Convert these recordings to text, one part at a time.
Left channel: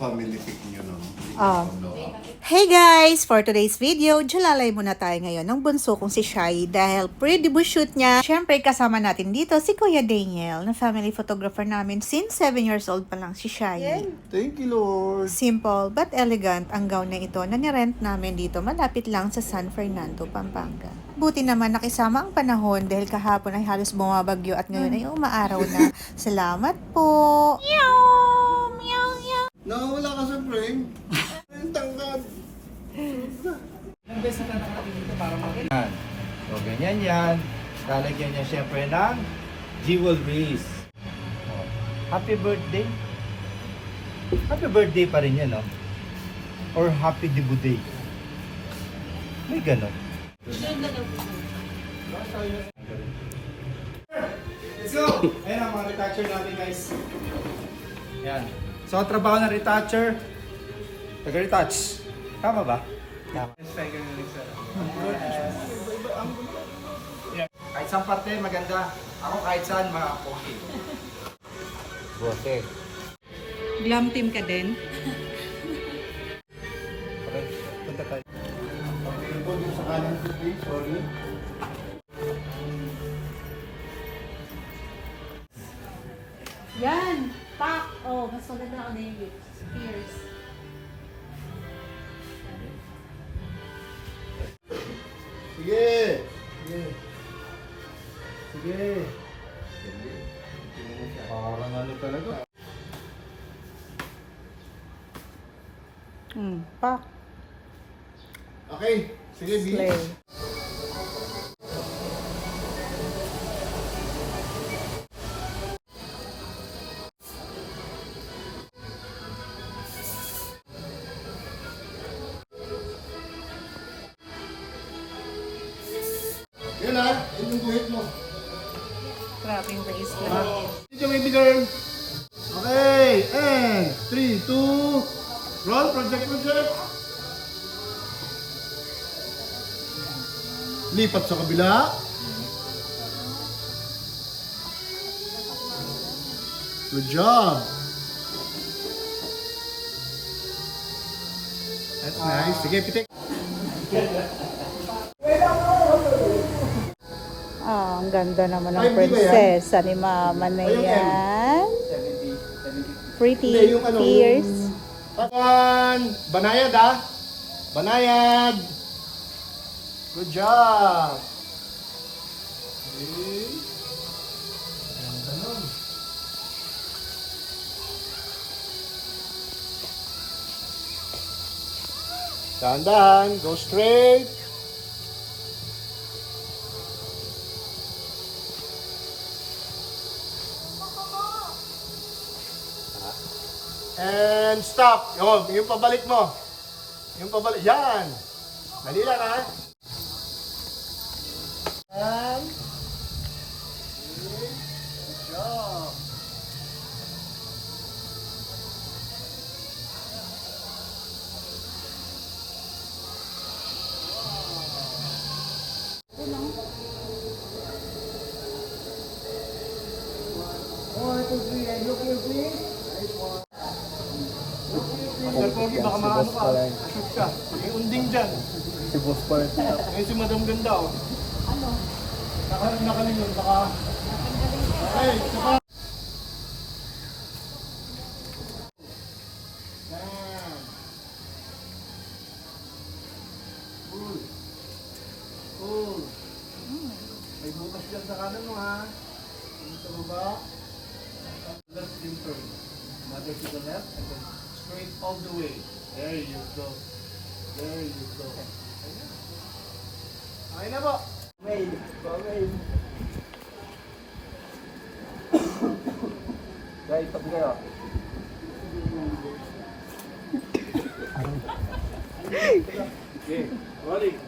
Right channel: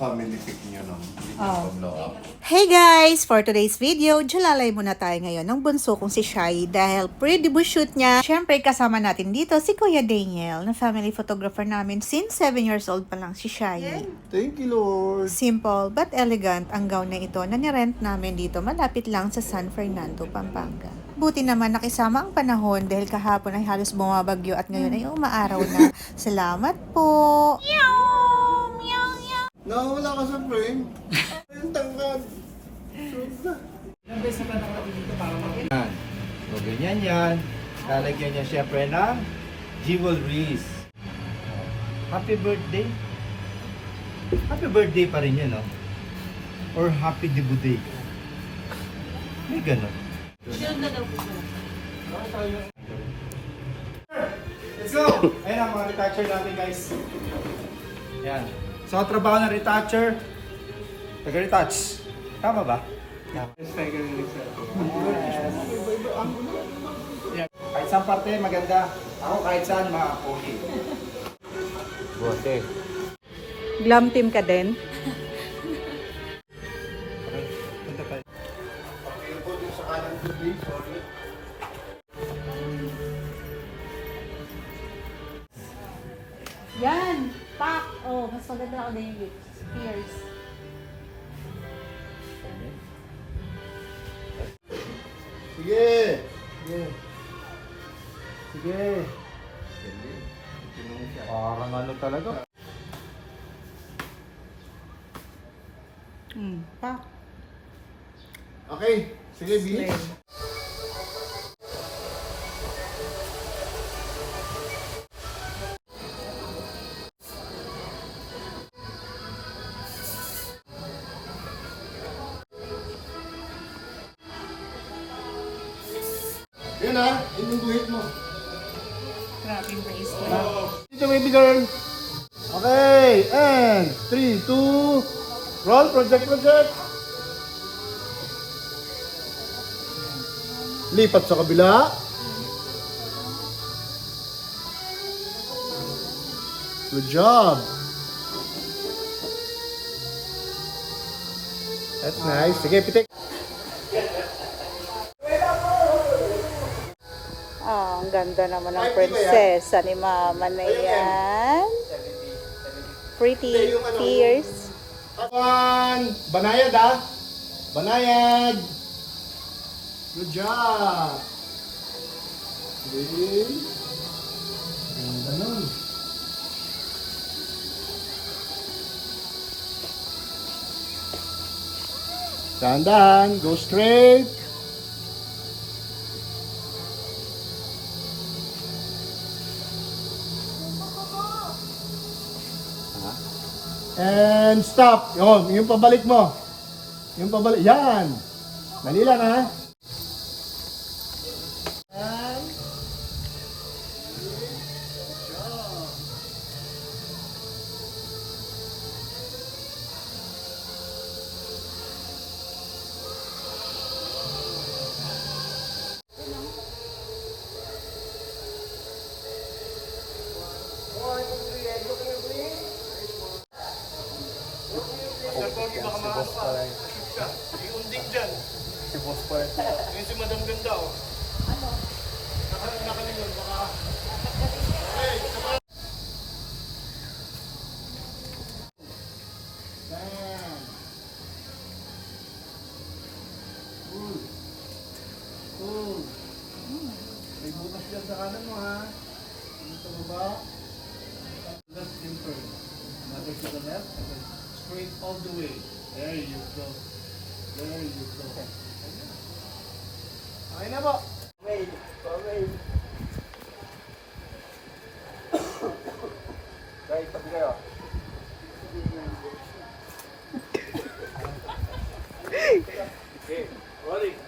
family pic nyo nun. Hey guys! For today's video, jalalay muna tayo ngayon ng bunso kong si Shai dahil pre-debut shoot niya. Siyempre kasama natin dito si Kuya Daniel na family photographer namin since 7 years old pa lang si Shai. Thank you, Lord. Simple but elegant ang gown na ito na nirent namin dito malapit lang sa San Fernando, Pampanga. Buti naman nakisama ang panahon dahil kahapon ay halos bumabagyo at ngayon ay umaaraw na. Salamat po! Nawala ka sa frame. Ang tangkad. Ilang beses na tanong natin dito para makita. O ganyan yan. Lalagyan niya syempre ng jewelries. O, happy birthday. Happy birthday pa rin yan, no? Or happy debut day. May ganon. Let's go! Ayan ang mga retoucher natin, guys. Ayan. So, ang trabaho ng retoucher, taga-retouch. Tama ba? Tama. Kahit saan parte, maganda. Ako kahit saan, mga pogi. Okay. Glam team ka din? Okay, punta tayo. Sa kanan, sorry. Yan! Pak! Oh, mas maganda ako na yung spears. Sige. Sige. Sige. Parang ano talaga. Pak. Okay. Sige, B. Slay. Yan ha. Yun yung duhit mo. Grabbing bracelet. Dito, baby girl. Okay. And 3, 2, roll. Project. Lipat sa kabila. Good job. That's nice. Sige, pitik. Ang ganda naman ng Ay, hindi ba yan? prinsesa ni Mama na Ay, yung M. yan. Pretty Hindi, yung ano, ears. One. Banayad ha. Banayad. Good job. Okay. Ganda nun. Dahan-dahan. Go straight. And stop. Yung pabalik mo. Yung pabalik. Yan. Dali lang ha. And good job. One, two, three, and look here, please. Nice one. Master Pogi, baka maano ka, ashoot ka. May unding dyan. Si boss pa rin. Ngayon si Madam Ganda, oh. Nakalingon, baka... Okay, isa pa. Yan. Cool. May butas dyan sa kanan mo ha. Dito baba. Left and turn. Mother to the left, and then straight all the way. There you go. There you go. Okay na po. Right, pag-gaya. Balik.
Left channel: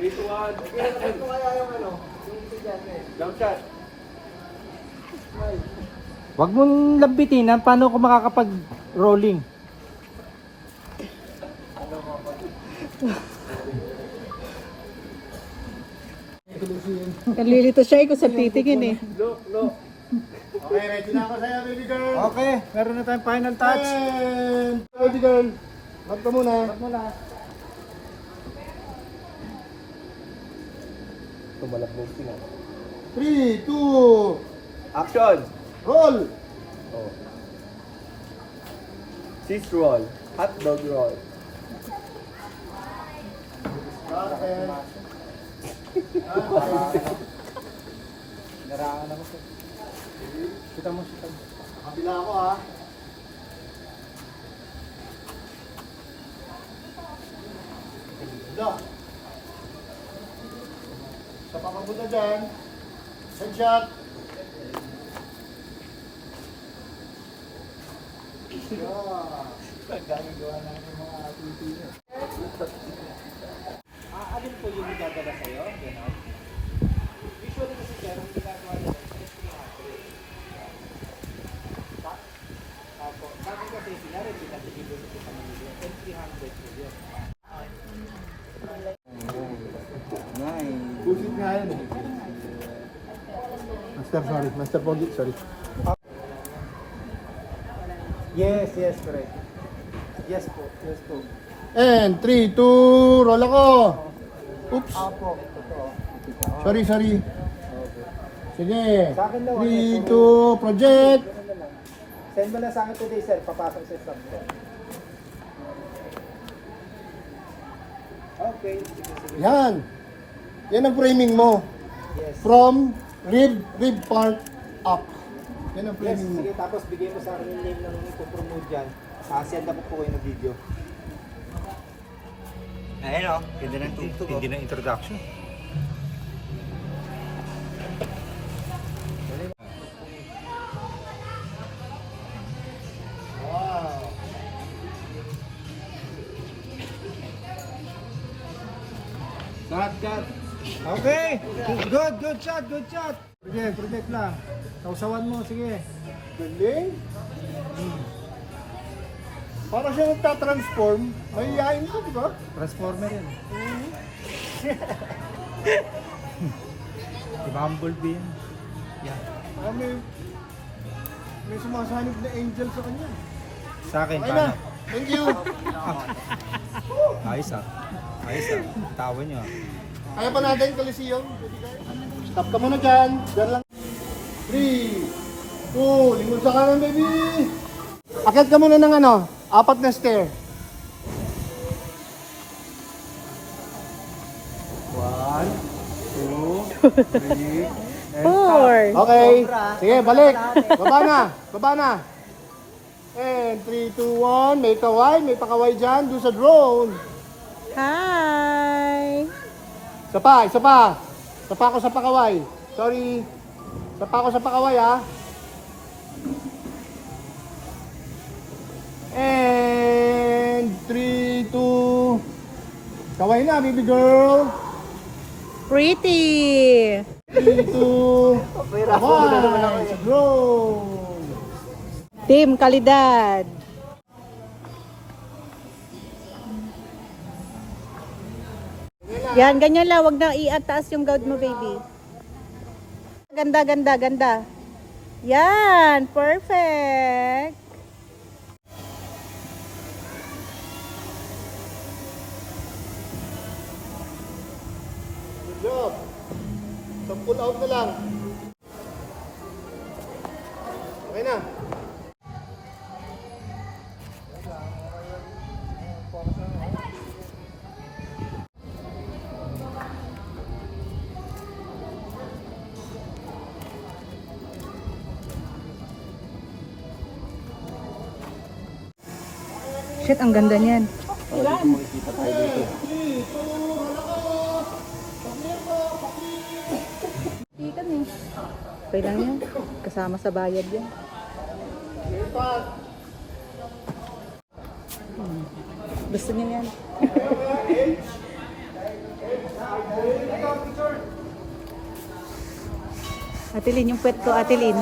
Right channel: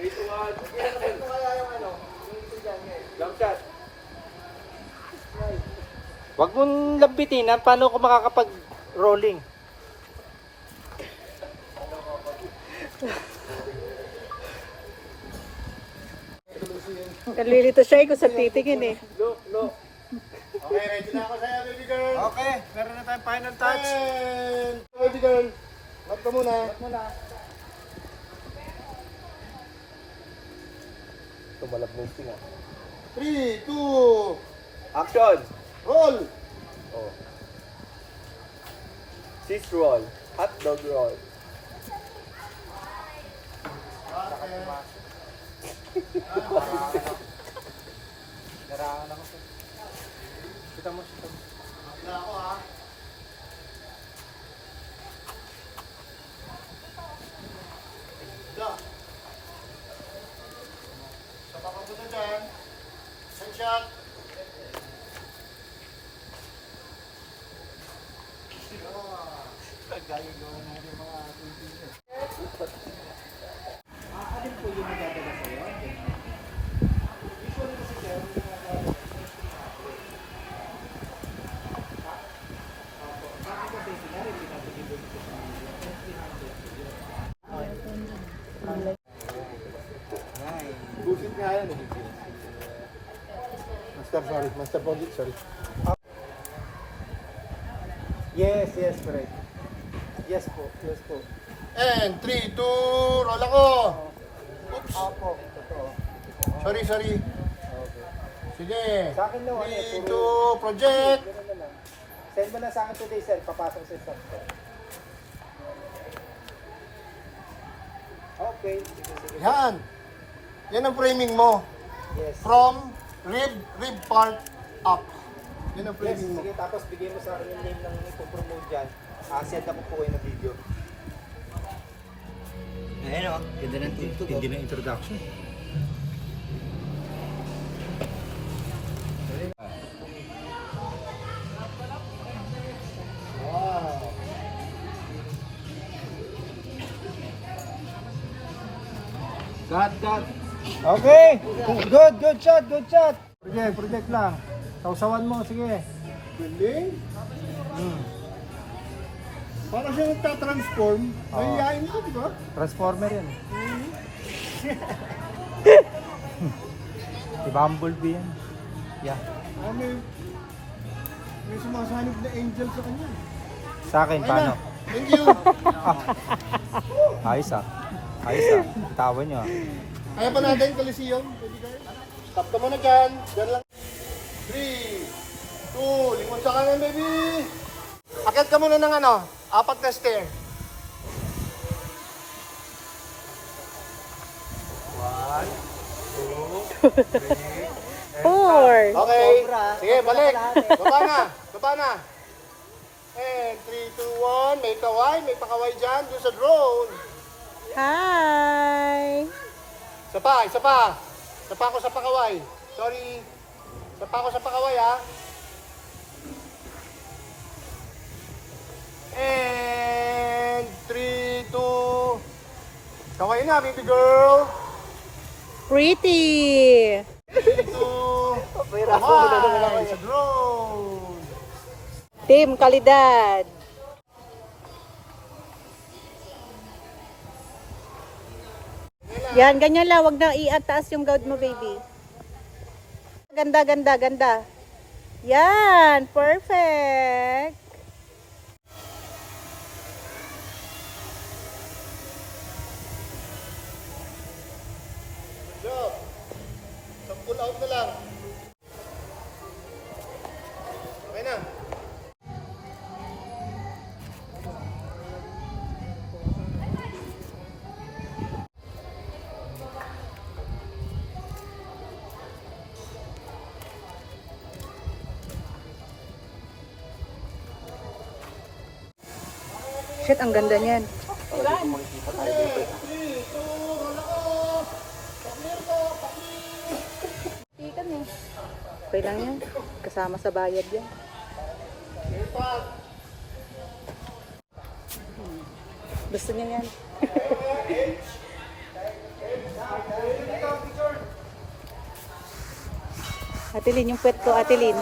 3, 2, 1. Huwag mong lambitin, ha? Paano ako makakapag-rolling? Nalilito siya ko sa titingin eh. Okay, ready na ako sa'yo, baby girl. Okay, meron na tayong final touch. And, baby girl, wag ka muna. 3, 2, Action! roll! Cheese roll. Hot dog roll. Carpet. Narangan ako po. Kita mo. Kabila ako ha. Kabila. Sa papabuta dyan. Headshot. Gagawa natin yung mga activity niya. Alin po yung magdadala sa'yo? Usually kasi sir, yung ginagawa bakit kasi sinari yung pinag-ibig ko sa mga 300 po yun. Master Pogi, sorry. Yes, correct. Yes po. And 3, 2, roll ako. Oops. Sorry. Sige. 3, 2, project. Send mo lang sa akin today, sir. Papasok sa slot. Okay. Yan. Yan ang framing mo. Yes. From rib part up. Yan ang Yes, framing mo. sige. Tapos bigay po sa akin yung name ng itupromote dyan. Send up po kayo ng video. Ayun o. Ganda ng tugtog. Hindi na introduction. Wow. Cut. Okay. Good shot. Project lang. Sausawan mo, sige. Galing. Para siya nagtatransform. Mahihain ka, di ba? Transformer yan. Si Bumblebee yan. Yeah. May sumasanib na angel sa kanya. Sa akin, Ayun paano? na. Thank you. Ayos ah. Tawa nyo ah. Kaya pa natin, Coliseum. Baby girl. Stop ka muna dyan. Dyan lang. 3, 2, lingon sa kanan, baby. Akit ka muna ng 4 na stair. 1, 2, 3, and stop. Okay. Sige, balik. Baba na. And 3, 2, 1. May kaway. May pakaway dyan. Doon sa drone. Hi! Isa pa. Isa pa ako sa pakaway. Sorry. Isa pa ako sa pakaway, ha. And 3, 2. Kaway na, baby girl. Pretty! 3, 2. Kaway sa drone. Team Kalidad! Yan, ganyan lang. Huwag nang i-ataas yung gout mo, baby. Ganda. Yan, perfect! Good job. So pull out na lang. Okay na. Shit, ang ganda niyan. Okay lang yan. Kasama sa bayad yan. Gusto niya yan. Atilin yung puwet ko, Atilin.